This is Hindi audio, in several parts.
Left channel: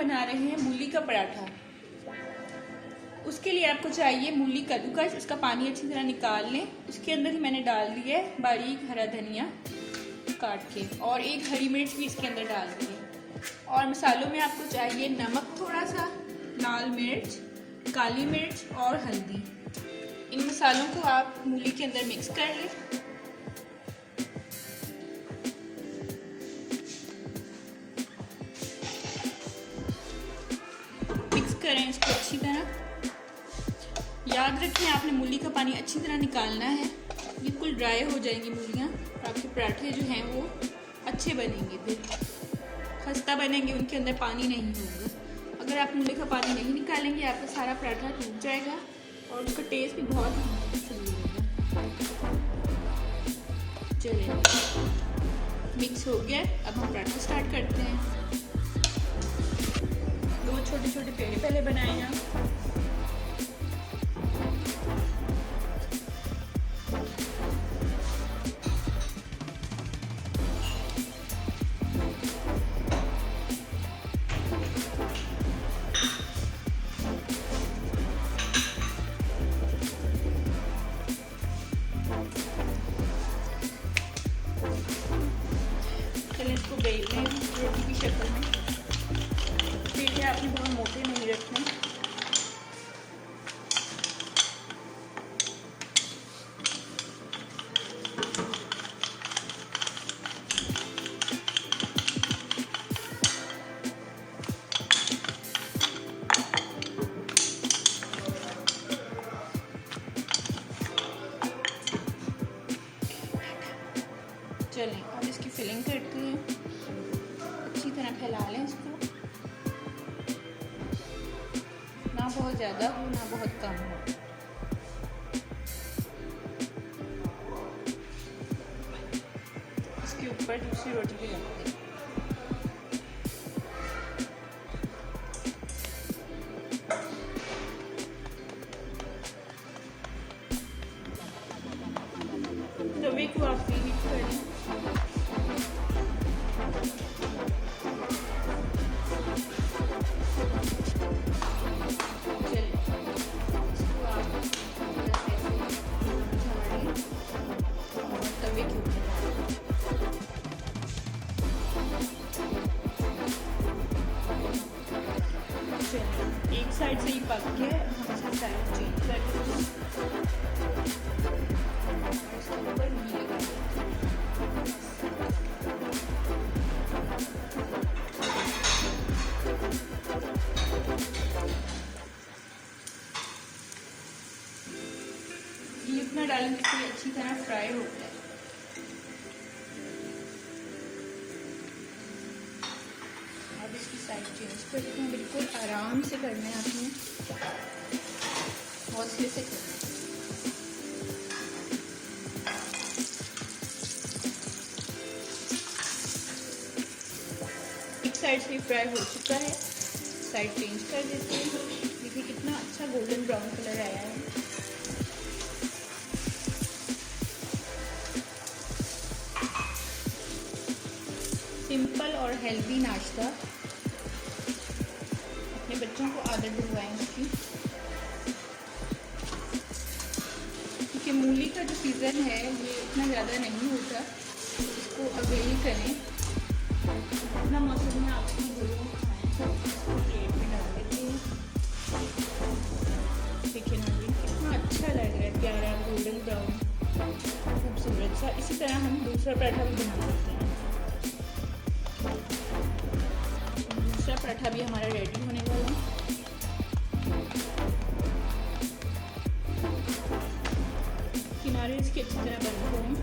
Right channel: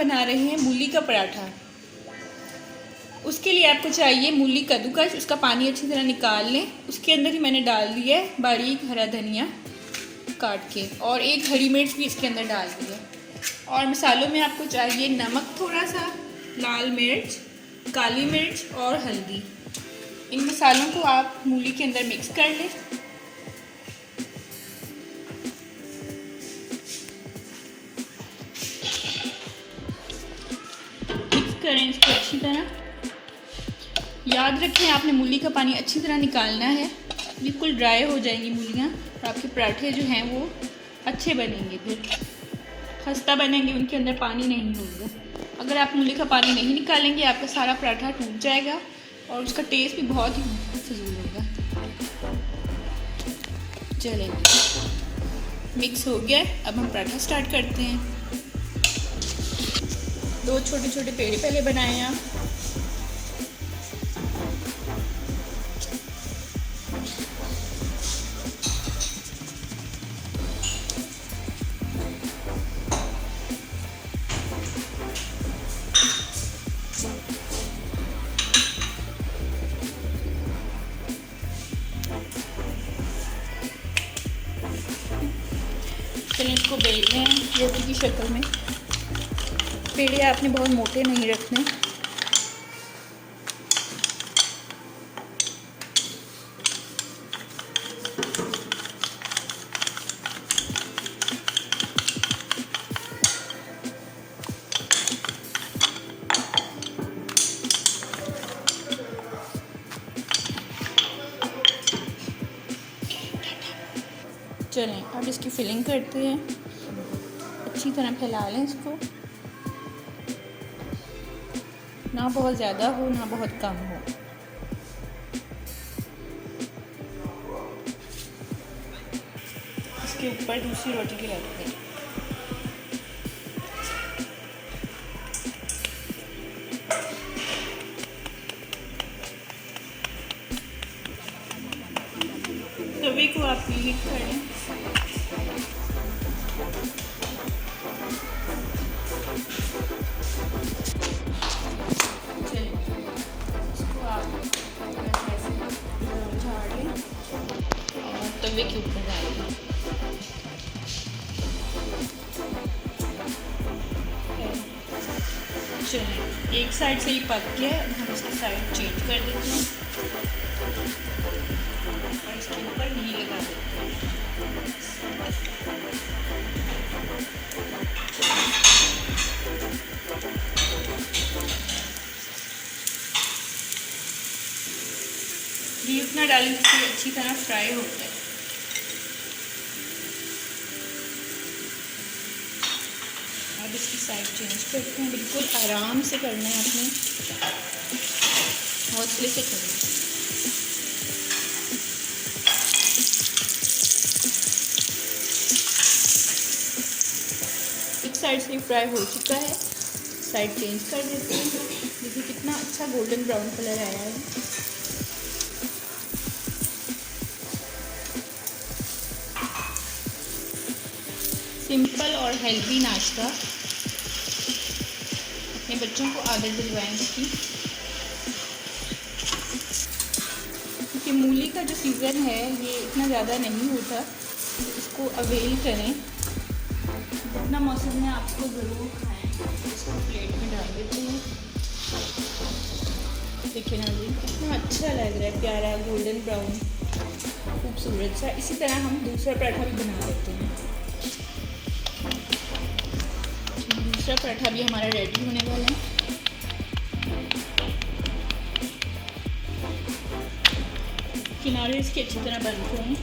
बना रहे हैं मूली का पराठा। उसके लिए आपको चाहिए मूली कद्दूकस, उसका पानी अच्छी तरह निकाल लें। उसके अंदर ही मैंने डाल दिया है बारीक हरा धनिया काट के, और एक हरी मिर्च भी इसके अंदर डाल दी है। और मसालों में आपको चाहिए नमक थोड़ा सा, लाल मिर्च, काली मिर्च और हल्दी। इन मसालों को आप मूली के अंदर मिक्स कर लें। मिक्स करें इसको अच्छी तरह। याद रखें आपने मूली का पानी अच्छी तरह निकालना है, बिल्कुल ड्राई हो जाएंगी मूलियाँ, तो आपके पराठे जो हैं वो अच्छे बनेंगे, फिर खस्ता बनेंगे, उनके अंदर पानी नहीं होगा। अगर आप मूली का पानी नहीं निकालेंगे आपका सारा पराठा टूट जाएगा और उसका टेस्ट भी बहुत ही फजूल होगा। चलिए मिक्स हो गया, अब हम पराठा स्टार्ट करते हैं। 2 छोटे छोटे पेड़े पहले बनाए हैं आप। चलिए इसको बेलते हैं रोटी की शक्ल में। पेड़े आपने बहुत मोटे नहीं रखने। चलें अब इसकी फिलिंग करते हैं। अच्छी तरह फैला लें इसको, ना बहुत ज़्यादा हो ना बहुत कम हो। इसके ऊपर दूसरी रोटी ले आते हैं। तवे को आप हीट कर लें। एक साइड से ही पक गया है, हम इसका साइड चेंज कर देते हैं और इसके ऊपर घी लगा देते हैं। घी उतना डालें जिससे अच्छी तरह फ्राई हो जाए। साइड चेंज करते हैं, बिल्कुल आराम से करना है आपने, हौसले से करना है। एक साइड से फ्राई हो चुका है, साइड चेंज कर देते हैं। देखिए कितना अच्छा गोल्डन ब्राउन कलर आया है। सिंपल और हेल्दी नाश्ता, अपने बच्चों को आदत दिलवाएं इसकी। क्योंकि मूली का जो सीज़न है ये इतना ज़्यादा नहीं होता, इसको अवेल करें। जितना मौसम में आपको ज़रूर खाएं। इसको प्लेट में डाल देते हैं। देखिए ना जी कितना अच्छा लग रहा है, प्यारा गोल्डन ब्राउन खूबसूरत सा। इसी तरह हम दूसरा पराठा बना सकते हैं। दूसरा पराठा भी हमारा रेडी होने वाला है। किनारे इसके अच्छी तरह बनते हैं।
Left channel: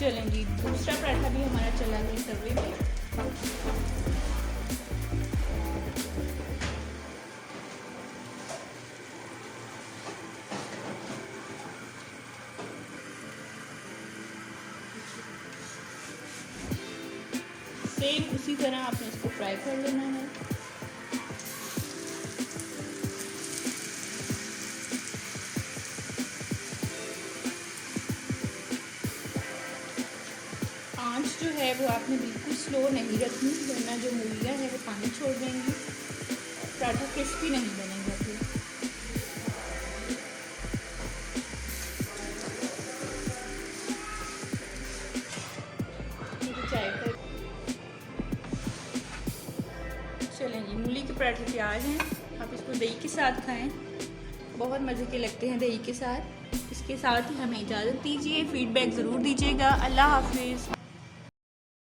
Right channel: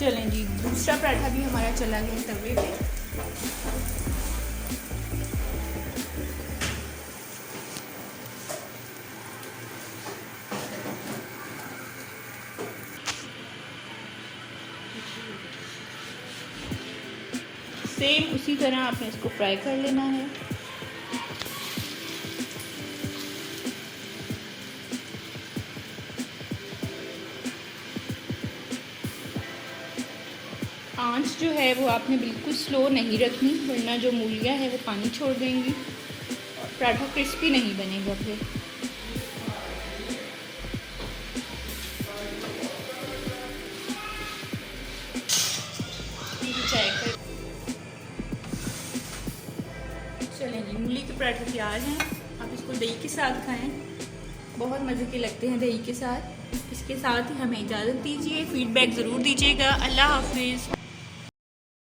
चलें जी, दूसरा पराठा भी हमारा चला गया तवे पे। सेम उसी तरह आपने इसको फ्राई कर लेना है। आंच जो है वो आपने बिल्कुल स्लो नहीं रखनी, वरना जो मूलियाँ है वो पानी छोड़ देंगी, पराठा क्रिस्पी नहीं बनेगा फिर। चलेंगे, मूली के पराठे तैयार हैं। आप इसको दही के साथ खाएं, बहुत मज़े के लगते हैं दही के साथ। इसके साथ ही हमें इजाज़त दीजिए, फीडबैक ज़रूर दीजिएगा। अल्लाह हाफिज़।